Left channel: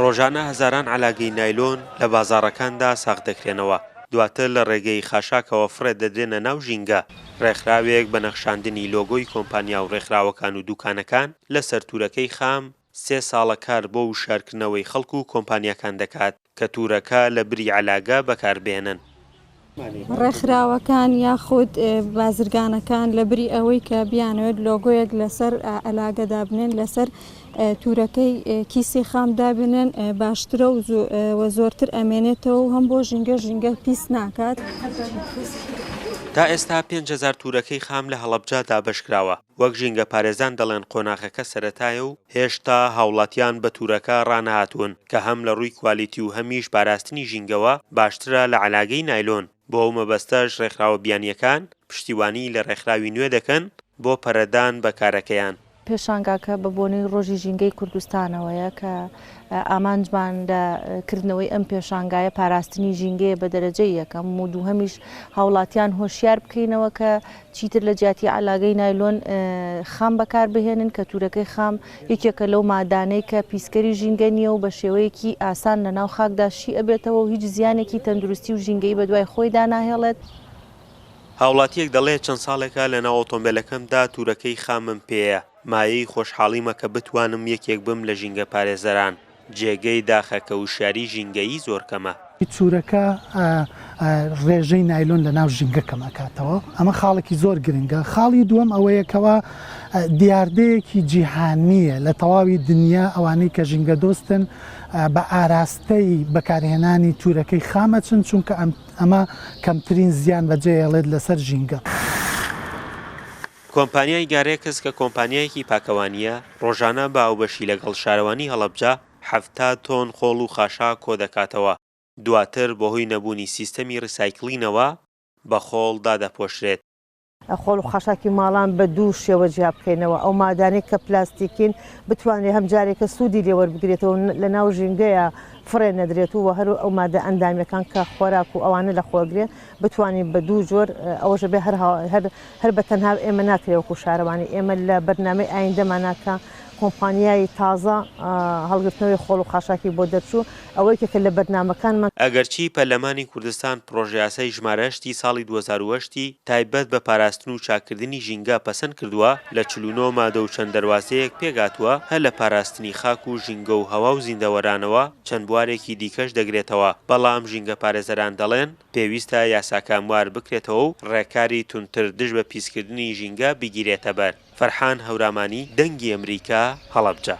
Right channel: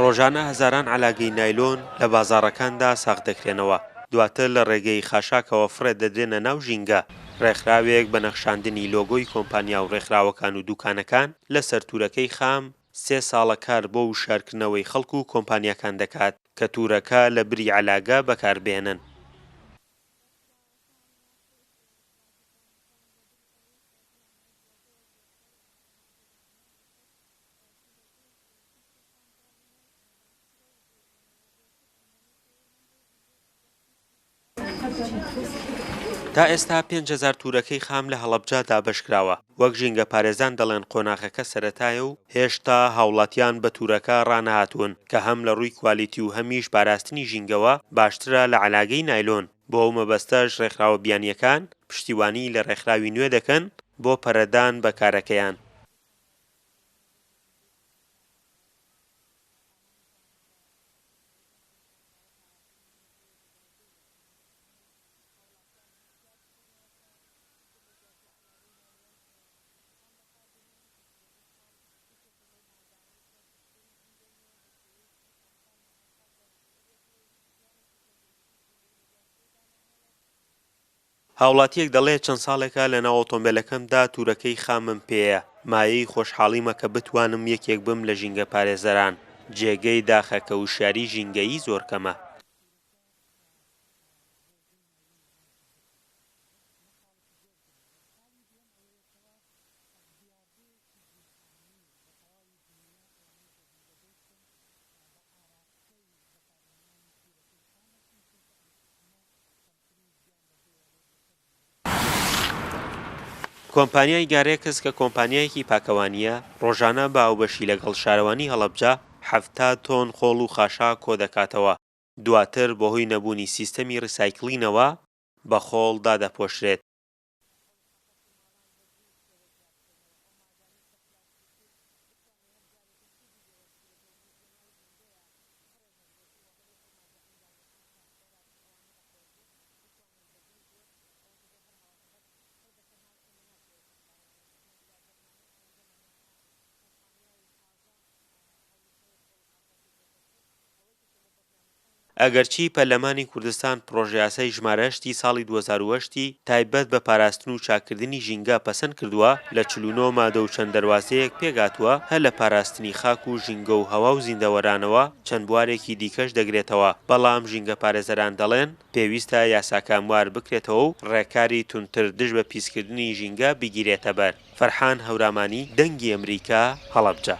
ڕۆژانە هەزاران عەلاگەی نایلۆن لە بازاڕەکاندا ساغ دەکرێنەوە، دواتر لە ڕێگەی خاشاکەوە فڕێ دەدرێنە ناو ژینگە. ڕێکخراوێک بە نەخشاندنی لۆگۆی کۆمپانیا و ڕێکخراوەکان و دوکانەکان لەسەر تورەکەی خام 3 ساڵە کار بۆ وشارکردنەوەی خەڵک و کۆمپانیاکان دەکات کە تورەکە لە بری عەلاگە بەکاربێنن. ڕێکخراوەکان یاخود بازرگانەکان لە بری ئەوەی کە بیانوێت لۆگۆیەک لەسەر ئەلاگەدا بنێن لەسەر تورەکەی کیسی خام دابنێن باشترە و زۆرتر ئەمێنێتەوە و هەم بۆ ژینگە پیس ناکات. تا ئێستا 5,000 تورەکەی خام لە هەڵەبجە دابەشکراوە. وەک ژینگە پارێزان دەڵێن قۆناغەکە سەرەتایە و هێشتا هاوڵاتیان بە تورەکە ڕانەهاتوون کە هەم لە ڕووی کوالیتی و هەمیش پاراستنی ژینگەوە باشترە لە عەلاگەی نایلۆن. بۆ ئەو مەبەستەش ڕێکخراوە بیانیەکان پشتیوانی لە ڕێکخراوی نوێ دەکەن بۆ پەرەدان بە کارەکەیان. پێشانگاکە بە بۆنەی ڕۆژی ژینگەی کوردستانەوەیە کە ئامانجمان لەکردنەوەی ئەم پێشانگایە پاراستنی ژینگەیە بە دەرەجەی یەکەم و دووهەمیش هاوڵاتیان هۆشیار بکەینەوە کە چیتر لە جیاتی عەلاگەی نایلۆن خام بەکار بهێنن کە تورەکەی خام یەکێکە لەو مادانەی کە پیسکەری ژینگە نییە و بە شێوەیەکی ئاسان لە ناو خاکدا شی ئەبێتەوە و هیچ زیانێکی تەندروستی و ژینگەی بە دوای خۆیدا ناهێڵێت. هاوڵاتیەک دەڵێ چەند ساڵێکە لە ناو ئۆتۆمبیلەکەمدا تورەکەی خامم پێیە، مایەی خۆشحاڵیمە کە بتوانم یەکێک بم لە ژینگە پارێزەران. جێگەی داخەکە و شاری ژینگەیی زۆر کەمە. تورەکە ڕێژەی نایلۆن لە ناو ژینگە کەمەکاتەوە، ئەمە خاڵێکی زۆر گرنگە. خاڵی دووەم ئەوەیەکەوە دیاردەیەکی جیهانیە لە تەواوی دنیا ئەوانەی کە ژینگە دۆستن بە ئاراستەی بەکارهێنانی تورەکەی خامە چونکە ئەمە کەمترین زیان بەجێهێڵێت لەسەر ژینگە. کۆمپانیای گارێکس کە کۆمپانیایەکی پاکەوانیە ڕۆژانە باوبەشی لەگەڵ شارەوانی هەڵەبجە 70 تۆن خۆڵ و خاشا کۆ دەکاتەوە. دواتر بەهۆی نەبوونی سیستەمی ڕیسایکڵینەوە بە خۆڵ دادەپۆشرێت. خۆڵ و خاشاکی ماڵان بە دوو شێوە جیا بکەینەوە، ئەو مادانەی کە پلاستیکین بتوانێت هەم جارێکە سوودی لێوەربگرێتەوە لە ناو ژینگەیە فڕێ نەدرێت و هەر ئەو مادە ئەندامیەکان کە خۆراک و ئەوانە لە خۆگرێت بتوانین بە دوو جۆر ئەوەشە بێ هەر بە تەنها ئێمە ناکرێوەکو شارەوانی ئێمە لە بەرنامەی ئایندەماناکە کۆمپانیای تازە هەڵگرتنەوەی خۆڵ و خاشاکی بۆ دەرچوو ئەوەیەکە لە بەرنامەکانمان. ئەگەرچی پەرلەمانی کوردستان پرۆژەیاسای ژمارەشتی ساڵی 2008 تایبەت بە پاراستن و چاکردنی ژینگە پەسەند کردووە، لە 49 مادە و چەند دەواازەیەک پێگاتووە هەر لە پاراستنی خاک و ژینگە و هەوا و زیندەوەرانەوە چەند بوارێکی دیکەش دەگرێتەوە. بەڵام ژینگە پارێزەران دەڵێن پێویستە یاساکانوار بکرێتەوە و ڕێکاری تونتر دژ بە پیسکردنی ژینگە بگیرێتە بەر. فەرحان هەورامانی، دەنگی ئەمریکا، هەڵەبجە.